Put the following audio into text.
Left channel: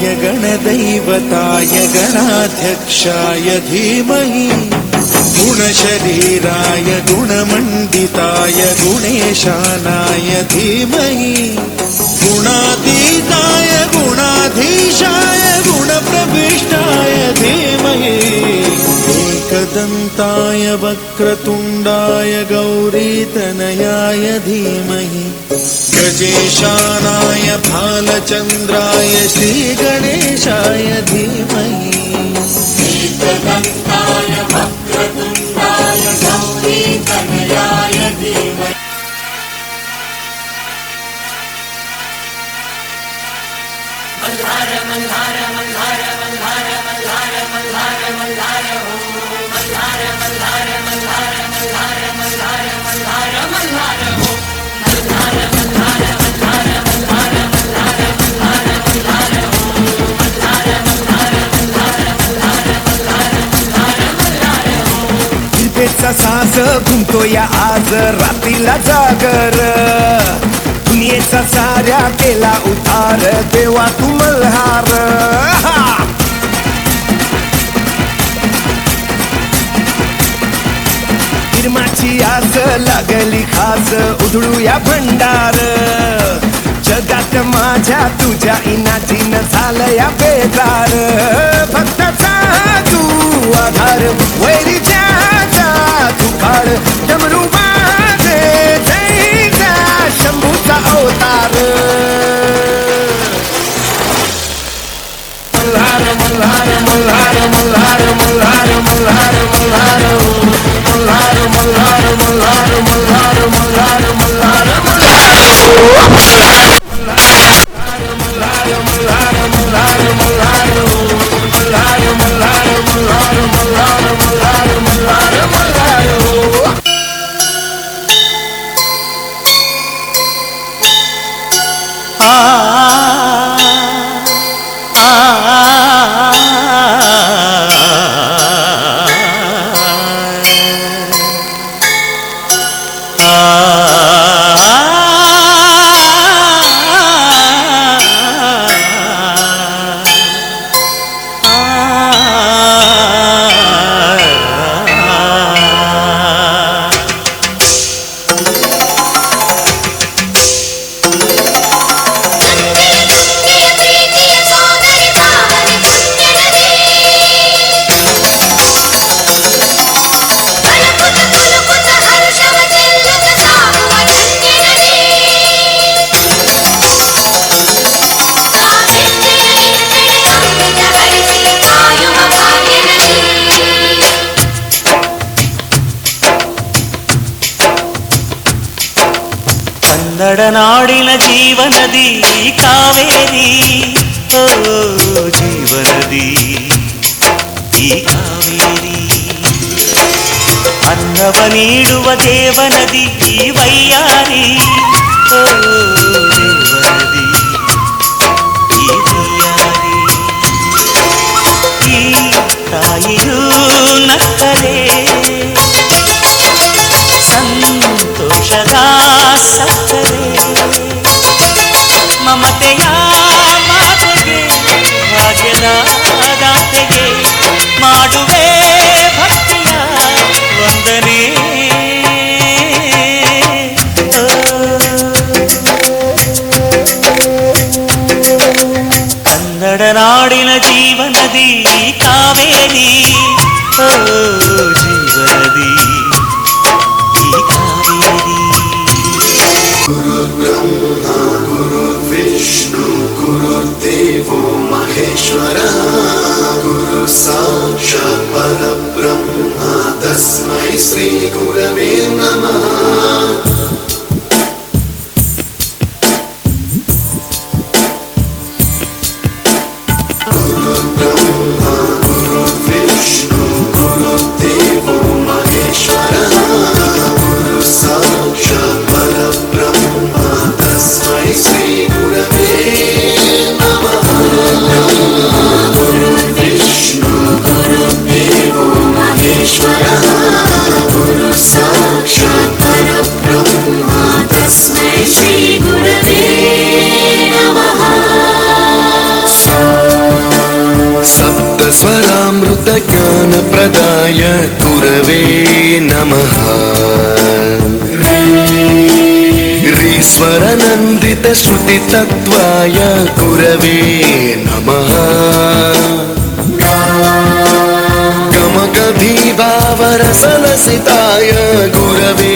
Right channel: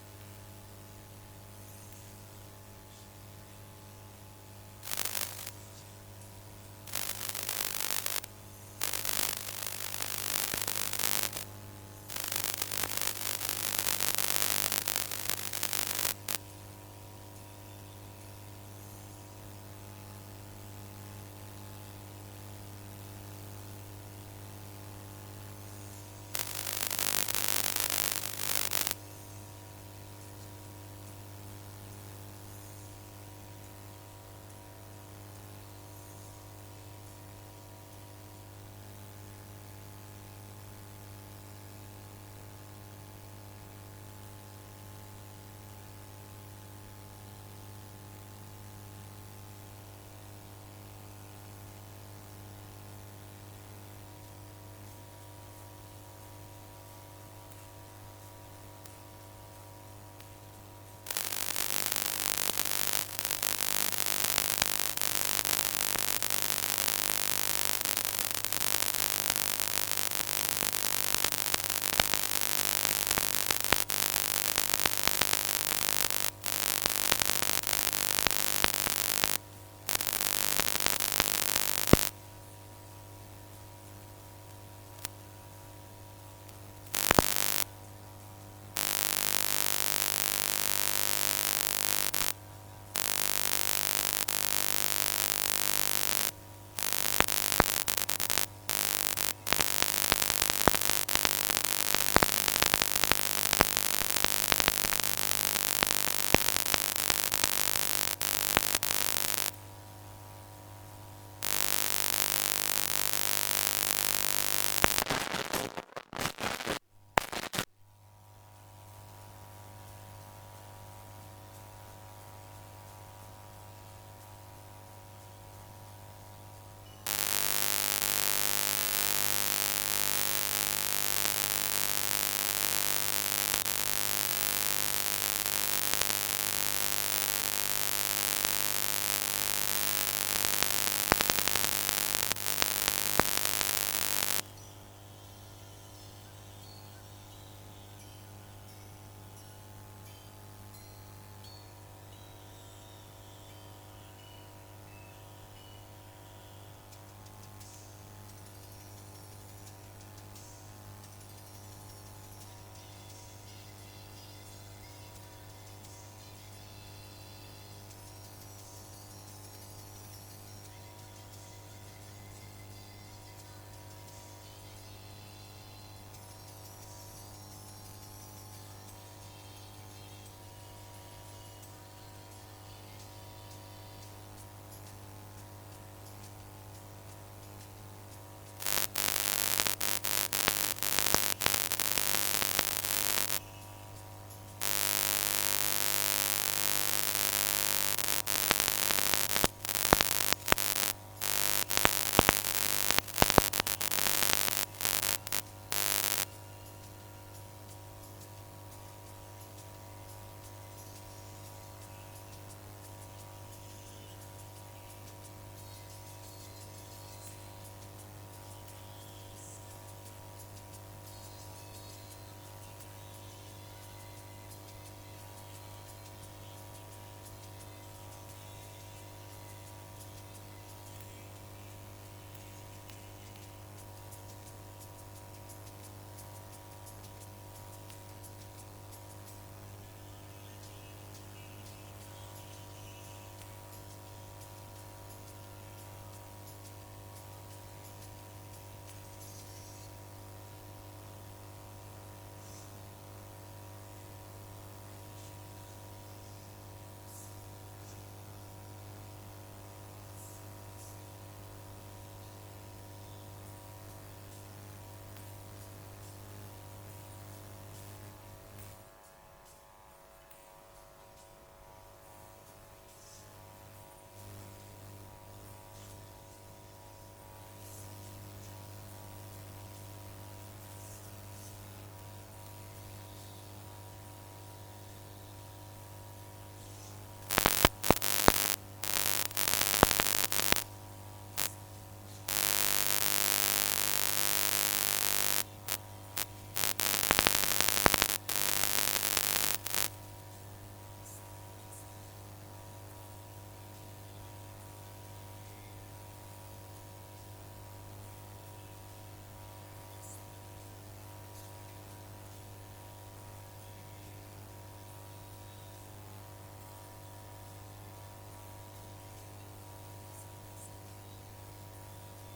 गणदैवताय गणाध्यक्षाय धीमहि गुणशरीराय गुणमण्डिताय गुणेशानाय धीमहि गुणातीताय गुणाधीशाय गुणप्रविष्टाय धीमहि एकदन्ताय वक्रतुण्डाय गौरीतनयाय धीमहि गजेशानाय भालचन्द्राय श्रीगणेशाय धीमहि एकदन्ताय वक्रतुण्डाय गौरीतनयाय धीमहि मल्हार मल्हार मल्हार मल्हार मल्हार मल्हार मल्हार हो मल्हार मल्हार मल्हार मल्हार मल्हार मल्हार मल्हार हो मल्हार मल्हार मल्हार मल्हार मल्हार मल्हार मल्हार हो मल्हार मल्हार मल्हार मल्हार मल्हार मल्हार मल्हार हो दिपेचा सास घुमतो या आज रात्रीला जागर दुनियेचा साऱ्या केला उतार देवा तू मल्हार निर्माची आस लागली खास उधळूया भंडार जगात माझ्या तुझ्या इनाचीन झालं या बेजार भक्ताचा तू आधार वैरीच्या तुकाळ डमरू माझे जैसा शंभूचा अवतार मल्हार मल्हार मल्हार मल्हार मल्हार मल्हार मल्हार मल्हार मल्हार मल्हार मल्हार मल्हार मल्हार ಕನ್ನಡನಾಡಿನ ಜೀವನದಿ ಕಾವೇರಿ ಓ ಜೀವನದಿ ಈ ಕಾವೇರಿ ಅನ್ನವ ನೀಡುವ ದೇವನದಿ ಈ ವೈಯಾರಿ ಓ ದೇವನದಿ ಈ ವೈಯಾರಿ ಈ ತಾಯಿಯೂ ನಕ್ಕಲೆ ಸಂತೋಷದ ಸಕ್ಕರೆ ಮಮತೆಯ ಮಾತೆಗೆ ಭಾಗ್ಯದ ದಾತೆಗೆ ಮಾಡುವೆ ಭಕ್ತಿಯ ವಂದನೆ ಕನ್ನಡ ನಾಡಿನ ಜೀವನದಿ ಕಾವೇರಿ ಓ ಜೀವನದಿ ಈ ಕಾವೇರಿ गुरुर्देवो महेश्वरः गुरु साक्षात् परब्रह्म तस्मै श्री गुरवे नमः तस्मै श्री गुरवे नमः। नमः रीश्वरनन्दितश्रुतितत्त्वाय गुरवे नमः गमगभीभावरसलसिताय गुरवे